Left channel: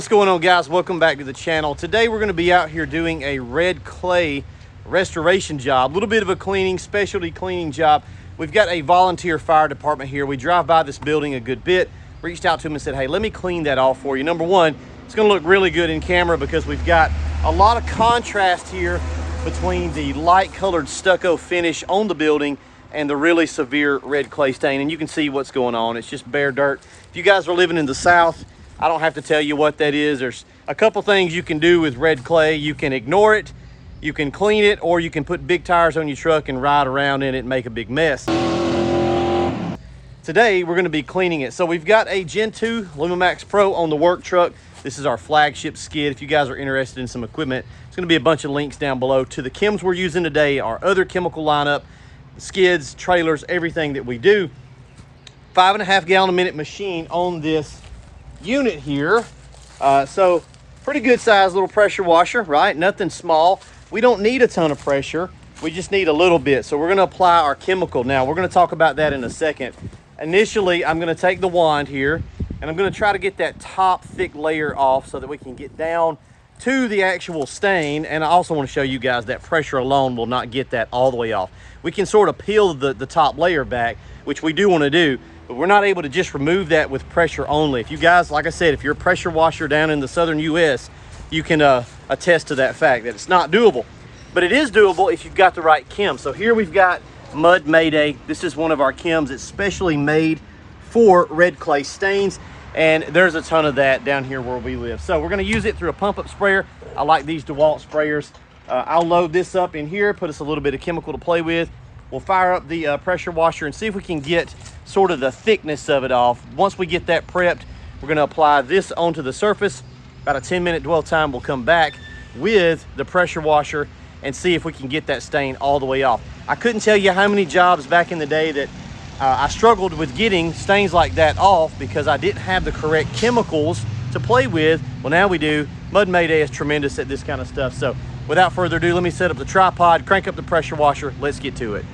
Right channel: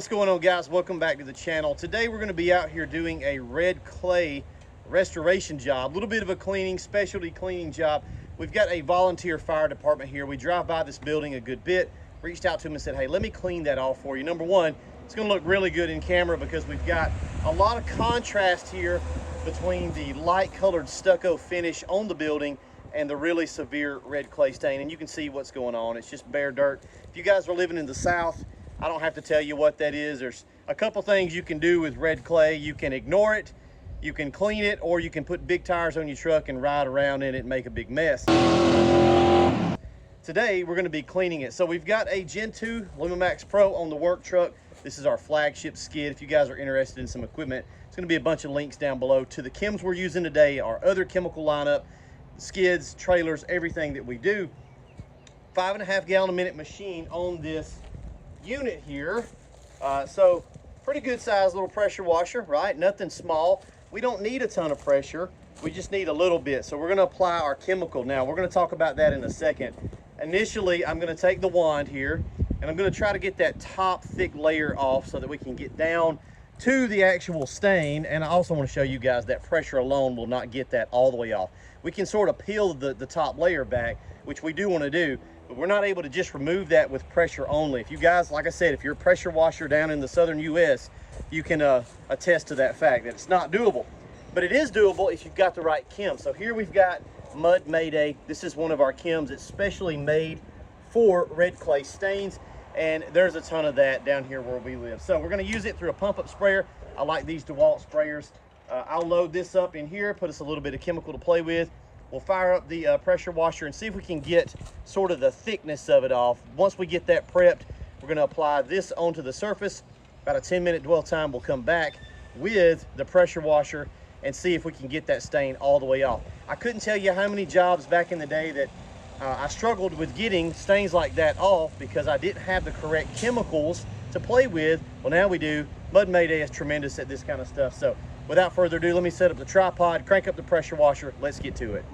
What's going on, guys? Welcome back to the channel. Today we're going to be out here doing a red clay restoration job, a little bit of a cleaning, specialty cleaning job. We've got a volunteer fire department here. We drive by this building a good bit, reached out to them and said, hey, let me clean that off for you. Number one, it's going to look really good in camera because we've got a lot of contrast here between the light colored stucco finish on the building and the really severe red clay stain, and you can see what's going on. It's just bare dirt. If you guys are living in the South, I don't have to tell you what that is. There's a couple things you can do with red clay. You can ignore it, you can clean it, or you can put big tires on your truck and ride around in it and make a big mess. Today, we're gonna be cleaning it. So we've got a Gen 2 LumaMax Pro on the work truck. This is our flagship skid. If you guys are interested in some equipment, it's gonna be a bunch of links down below to the chems we're using today, our other chemical lineup, skids, trailers, everything that we do. 5.5 gallon a minute machine on this unit here. So pretty good size little pressure washer, right? Nothing small. We don't need a ton of pressure. We just need a little bit. So we're gonna apply our chemical. Now we're gonna talk about that in a second. Initially, I'm gonna take the wand here and I'm gonna try to get that top thick layer off so that we can get down to the actual stain. And I also wanna show you guys that pressure alone will not get that all the way off. We can sort of peel the top layer back, which we do wanna do, but we're not able to just remove that with pressure only. If you guys, like I said, if you're a pressure washer down in the southern US, you can attest to that fact that it's not doable. But it is doable if you've got the right chem. So here we've got Mud Mayday. This is one of our chems. It's specially made for red clay stains, and there's a ton of that down here where we live. So we're gonna use it through a pump-up sprayer. I like these DeWalt sprayers. I'll load this up in here, put us a little bit of chemical to play with. We'll fire up the pressure washer and see if we can get sort of the thickness of it off. Once we get that prepped, we're gonna apply this onto the surface. About a 10-minute dwell time, we'll come back with the pressure washer and see if we can get that stain all the way off. I couldn't tell you how many jobs back in the day that I struggled with getting stains like that off because I didn't have the correct chemicals to play with. Well, now we do. Mud Mayday is tremendous at this kind of stuff. So without further ado, let me set up the tripod, crank up the pressure washer. Let's get to it.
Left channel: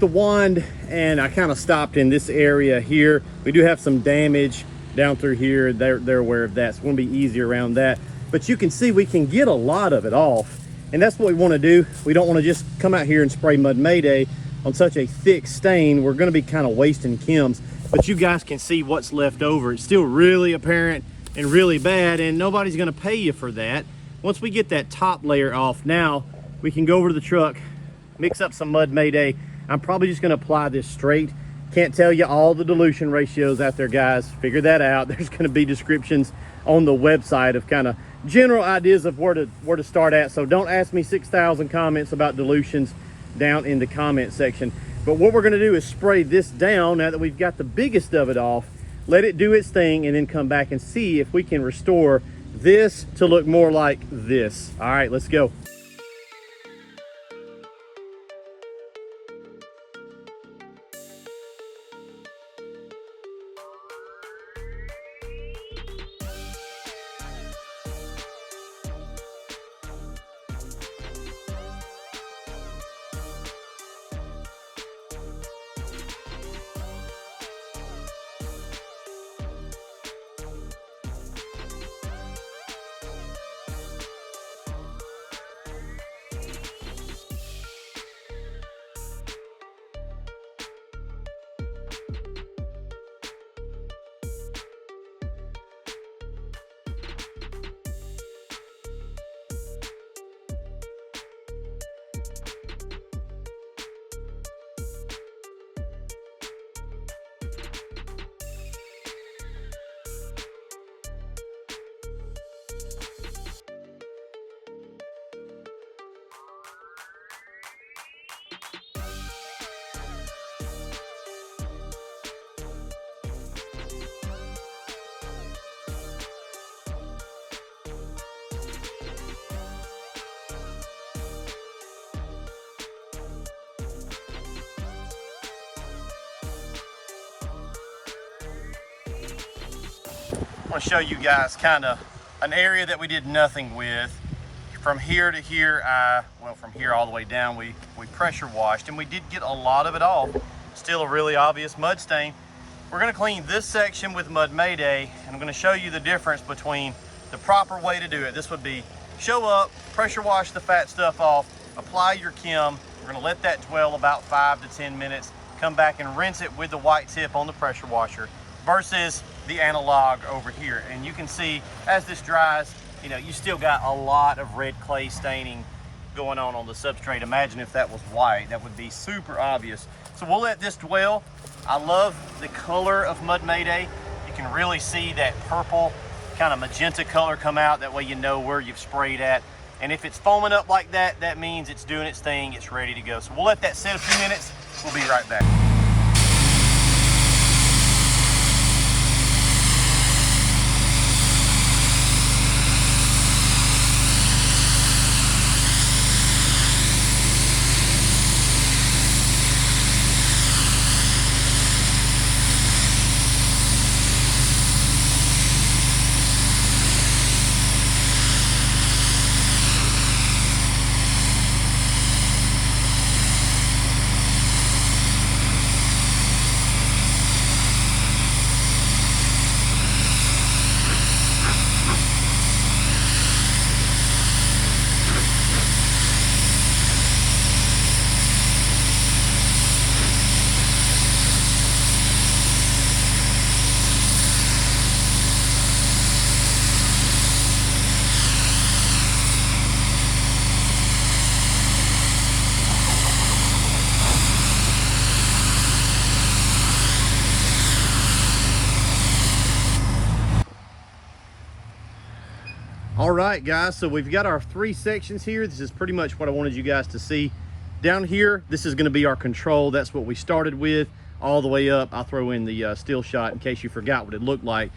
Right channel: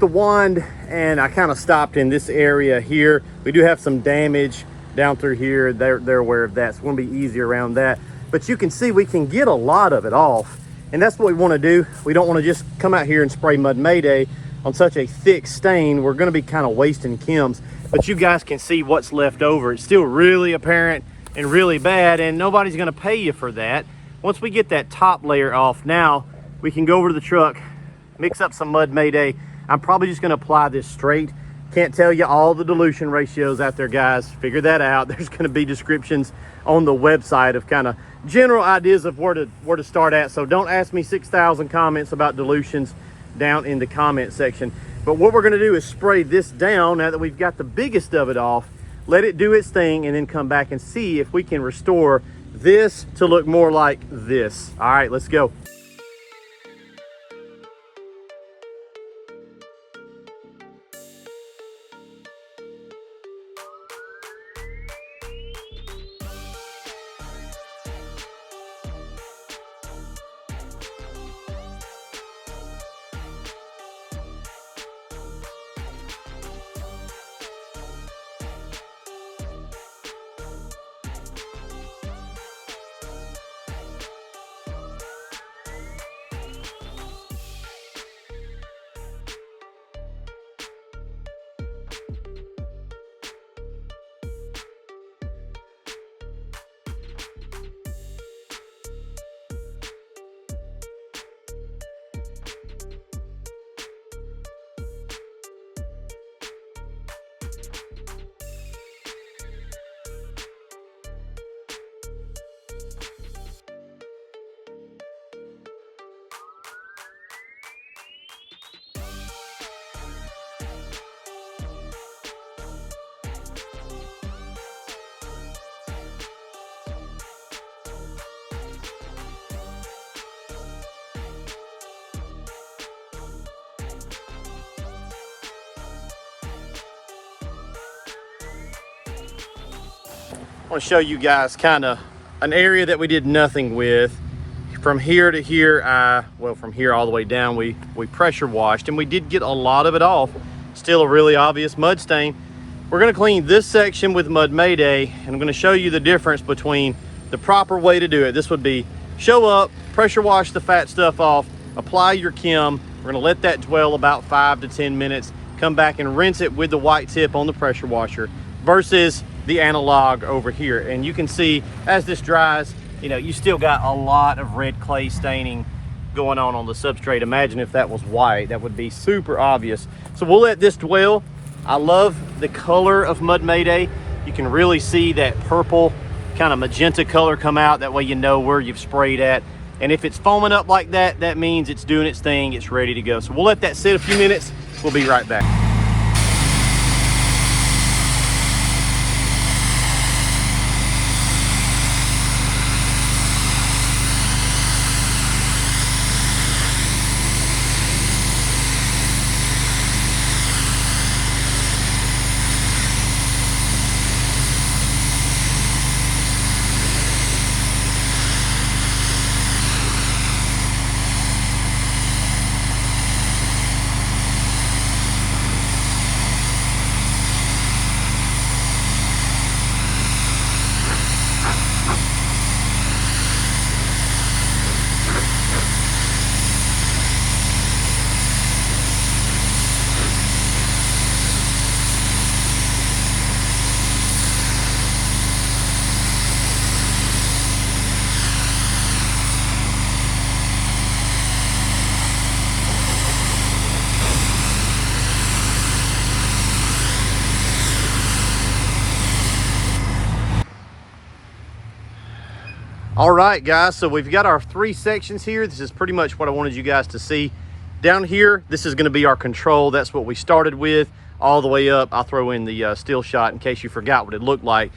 The wand, and I kind of stopped in this area here. We do have some damage down through here. They're aware of that. It's going to be easy around that, but you can see we can get a lot of it off, and that's what we want to do. We don't want to just come out here and spray Mud Mayday on such a thick stain. We're going to be kind of wasting chems, but you guys can see what's left over. It's still really apparent and really bad, and nobody's going to pay you for that. Once we get that top layer off, now we can go over to the truck, mix up some Mud Mayday. I'm probably just gonna apply this straight. Can't tell you all the dilution ratios out there, guys. Figure that out. There's gonna be descriptions on the website of kind of general ideas of where to start at. So don't ask me 6,000 comments about dilutions down in the comment section. But what we're gonna do is spray this down now that we've got the biggest of it off, let it do its thing, and then come back and see if we can restore this to look more like this. All right, let's go. I want to show you guys kind of an area that we did nothing with. From here to here, well, from here all the way down, we pressure washed, and we did get a lot of it off. Still a really obvious mud stain. We're gonna clean this section with Mud Mayday, and I'm gonna show you the difference between the proper way to do it. This would be show up, pressure wash the fat stuff off, apply your Kim. We're gonna let that dwell about 5 to 10 minutes, come back and rinse it with the white tip on the pressure washer versus the analog over here. And you can see as this dries, you know, you still got a lot of red clay staining going on the substrate. Imagine if that was white, that would be super obvious. So we'll let this dwell. I love the color of Mud Mayday. You can really see that purple kind of magenta color come out. That way you know where you've sprayed at. And if it's foaming up like that, that means it's doing its thing, it's ready to go. So we'll let that sit a few minutes. We'll be right back. All right, guys, so we've got our 3 sections here. This is pretty much what I wanted you guys to see. Down here, this is gonna be our control. That's what we started with, all the way up. I'll throw in the still shot in case you forgot what it looked like.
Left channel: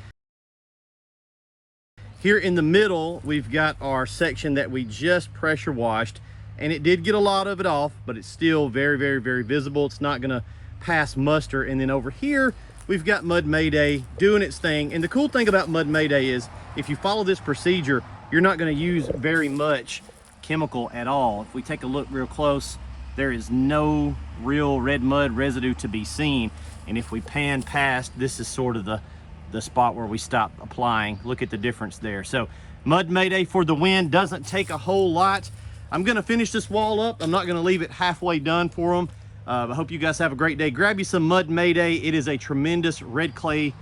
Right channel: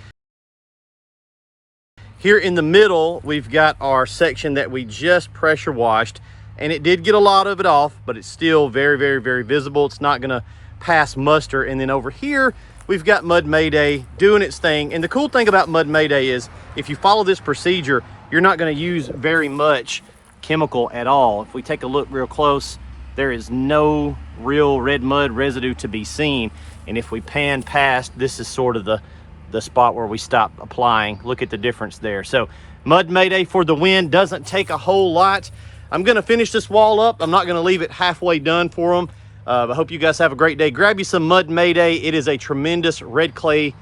Here in the middle, we've got our section that we just pressure washed, and it did get a lot of it off, but it's still very, very, very visible. It's not gonna pass muster. And then over here, we've got Mud Mayday doing its thing. And the cool thing about Mud Mayday is if you follow this procedure, you're not going to use very much chemical at all. If we take a look real close, there is no real red mud residue to be seen. And if we pan past, this is sort of the spot where we stop applying. Look at the difference there. So Mud Mayday for the win. Doesn't take a whole lot. I'm going to finish this wall up. I'm not going to leave it halfway done for them. I hope you guys have a great day. Grab you some Mud Mayday. It is a tremendous red clay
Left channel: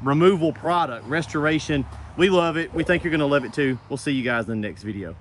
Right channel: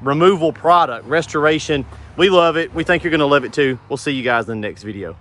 removal product, restoration. We love it. We think you're gonna love it too. We'll see you guys in the next video.